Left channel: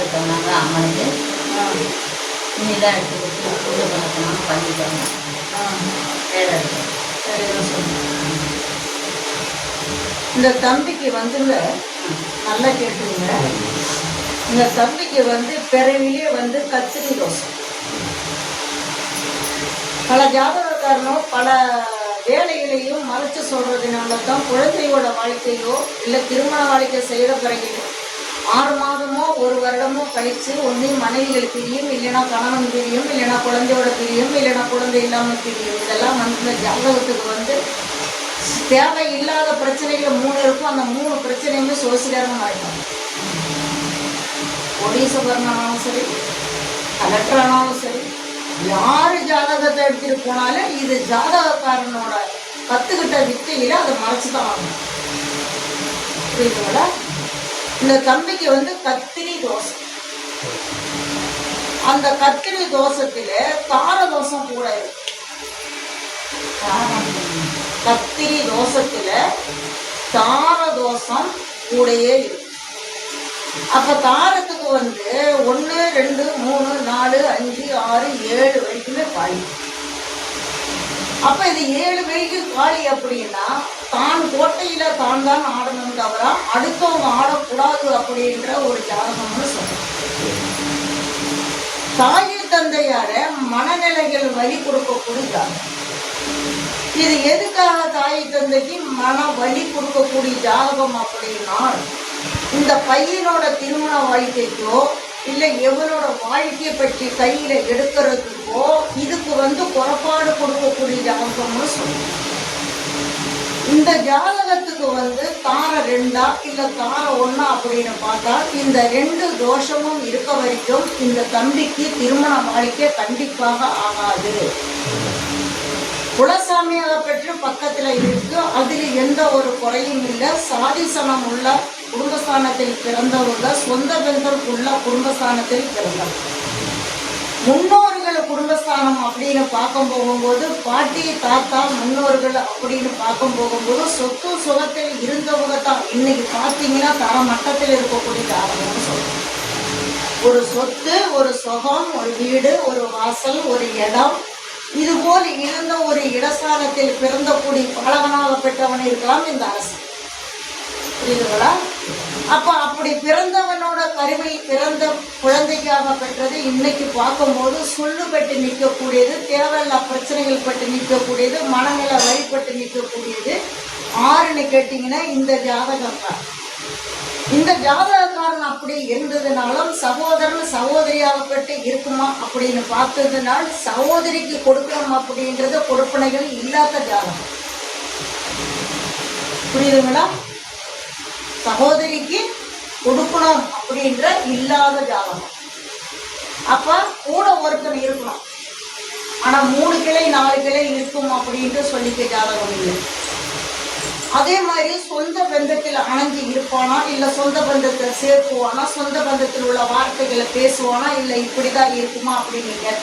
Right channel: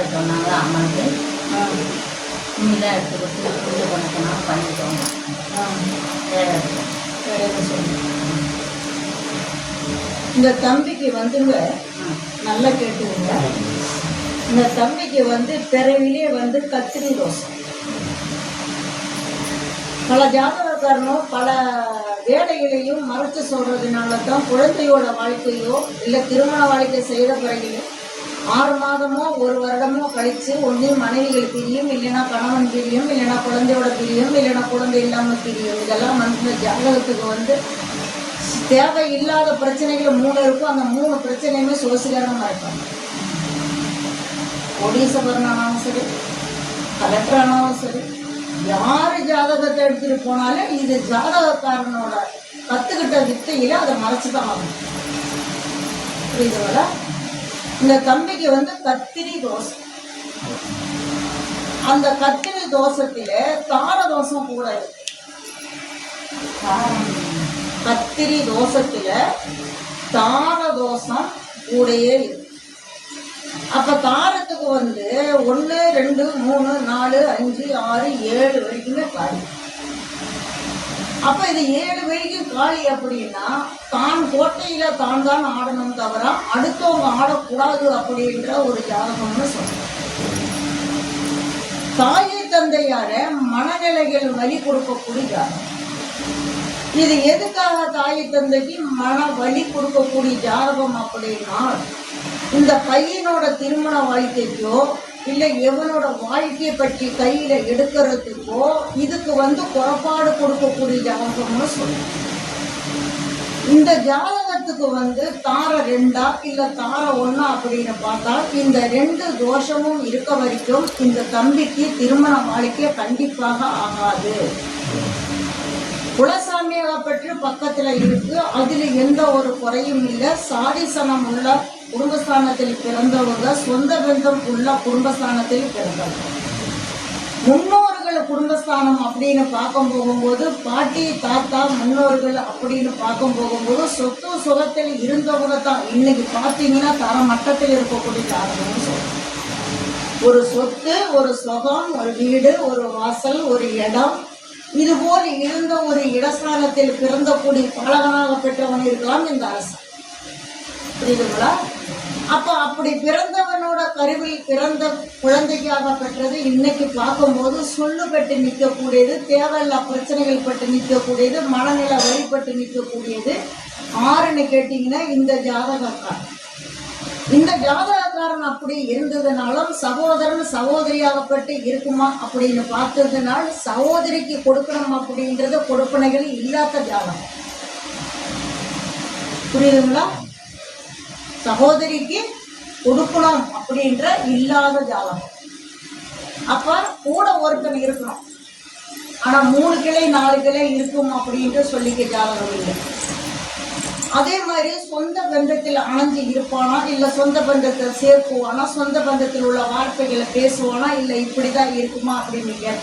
பார்த்து சொன்னாங்க அம்மனுக்கு துணிலாம் எடுத்து கொடுத்து பூஜை பண்ணிக்கணும் பண்ணிட்டோம். வேலை இருக்கு. சரின்னு சொல்லுங்க. இந்த தம்பிக்கு வந்துங்க நல்லா கேட்டுங்க. இந்த தம்பிக்கு பிறவிலே கத்திரி தோசை. பல ஜாதகக்காரனும் பல வேலைகளையும் மறைச்சு சொல்றதுனால தான் குழந்தையோட வாழ்க்கையோ இல்லை திருமண வாழ்க்கை செய்த பிறகு 6 மாதமோ 1 வருடமோ கழிச்சு ஒன்றையும் மனைவிகள் பிரியும், இல்லைன்னா கணவன் பிரியும், இல்லைன்னா குழந்தையோட பிரியும், இல்லைன்னா குழந்தை இல்லாமல் பிரியும். இதெல்லாம் இந்த ஜாதகத்துக்கு தேவையில்லாத பிரச்சனைகள் 3 இருக்கும். அந்த 3 பிரச்சனையுமே சோசியலாக ஆயிட்டாங்க. கோடீஸ்வரனாலும் சரி, கலெக்டர் ஆனாலும் சரி, யார் ஜாதகத்தை எடுத்துட்டு போனாலும் இது ஜாதகக்காரனோட கற்றுக்கிட்ட வித்தையில அதை மறைச்சு தான் ஆகணும். புரியுதுங்களா? இந்த தம்பிக்கு கத்திரி தோசை. அந்த கத்திரி தோசத்துல தார தோசம் கூட இருக்கு. கத்திரி தோசத்துல தார தோசம் கூடயே இருக்கு. அப்ப தாரத்துக்கு 1 2 3 4 5 6 7 வரைக்குமே காலி. அப்ப இது 7 வரைக்கும் காலி அப்படின்னா தான் கோட்டையில தான் ஆடணும் தவிர அடுத்தவங்க ஆடக்கூடாது அப்படின்ற ஒரு ஜாதகம்னு சொல்றோம். தாய் தந்தையார மனநிலைகள் வலி கொடுக்கக்கூடிய ஜாதகம். இது எதுக்காக தாய் தந்தைக்கு மன வலி கொடுக்கக்கூடிய ஜாதகம் அப்படின்னா இந்த பையனோட திருமண வாழ்க்கைக்கோ இல்லை எவனோட வாழ்க்கையை பற்றி கையில எடுக்கிறதுக்கோ இதுக்கு குறைபாடு கொடுக்கக்கூடிய ஜாதகம்னு சொல்லுவோம். இந்த ஜாதகத்துக்கு தார 2 இல்லை தார 1 அப்படின்னு பார்த்தா இந்த 2 தோஷமும் இருக்க வரைக்கும் இந்த தம்பிக்கு திருமண வாழ்க்கை கண்டிப்பாக ஆகாது. குலசாமியாக பெற்று பக்கத்துல இருக்கு, அதுல எந்த ஒரு குறையும் இல்லை. சாதிசனம் உள்ள குடும்பஸ்தானத்தில் பிறந்தவர்கள், சொந்த பந்தம் உள்ள குடும்பஸ்தானத்தில் பிறந்தவர்கள். முன்னோர்கள் குடும்பஸ்தானம் அப்படின்னு பார்க்கும் போகும்போது பாட்டி தாத்தா முன்னோர்கள் அப்படின்னு பார்க்கும் போகும்போது சொத்து சுகத்தில் இருந்தவங்க தான் இன்னைக்கு பார்த்தீங்கன்னா தர மட்டத்தில் இருக்கக்கூடிய ஜாதகம்னு சொல்றோம். ஒரு சொத்து, ஒரு சுகம், ஒரு வீடு, ஒரு வாசல், ஒரு இடம், இதுபோல் இருந்த ஒரு இடஸ்தானத்தில் பிறந்தக்கூடிய பாலகனாக பெற்றவன் இருக்கலாம் இந்த அரசு. புரியுதுங்களா? அப்ப அப்படி பிறந்தவனோட கருவில் பிறந்த குழந்தைக்காக பெற்றது இன்னைக்கு பார்க்கும்போது சொல்லு பெற்று நிற்கக்கூடியது, தேவையில்லா பிரச்சனைகள் பட்டு நிற்கக்கூடியது, மனநிலை வழிபட்டு நிற்கக்கூடியது. 6ன்னு கேட்டீங்கன்னா இந்த ஜாதகக்காரன். இந்த ஜாதகக்காரன் அப்படி இருந்ததுனாலும் சகோதரன் சகோதரியாகப்பட்டு இருக்குமா அப்படின்னு பார்த்ததுனால் சகோதரிக்கு கொடுக்கணும் அப்படின்றது கொடுப்பனைகள் இல்லாத ஜாதகம். புரியுதுங்களா? சகோதரிக்கு கொடுக்கணும் அப்படின்ற இல்லாத ஜாதகம். அப்ப கூட ஒருத்தன் இருக்கணும், ஆனா 3 கிளை 4 கிளை இருக்கும் அப்படின்ட்டு சொல்லிக்க ஜாதகம் இல்லை. அதே மாதிரி சொந்த பந்தத்தில் அணைஞ்சு இருப்பானா, இல்லை சொந்த பந்தத்தை சேர்க்குவானா, சொந்த பந்தத்தில் உள்ள வார்த்தைகளை பேசுவானா, இல்லை இப்படிதான் இருக்குமா அப்படின்னு கேட்டா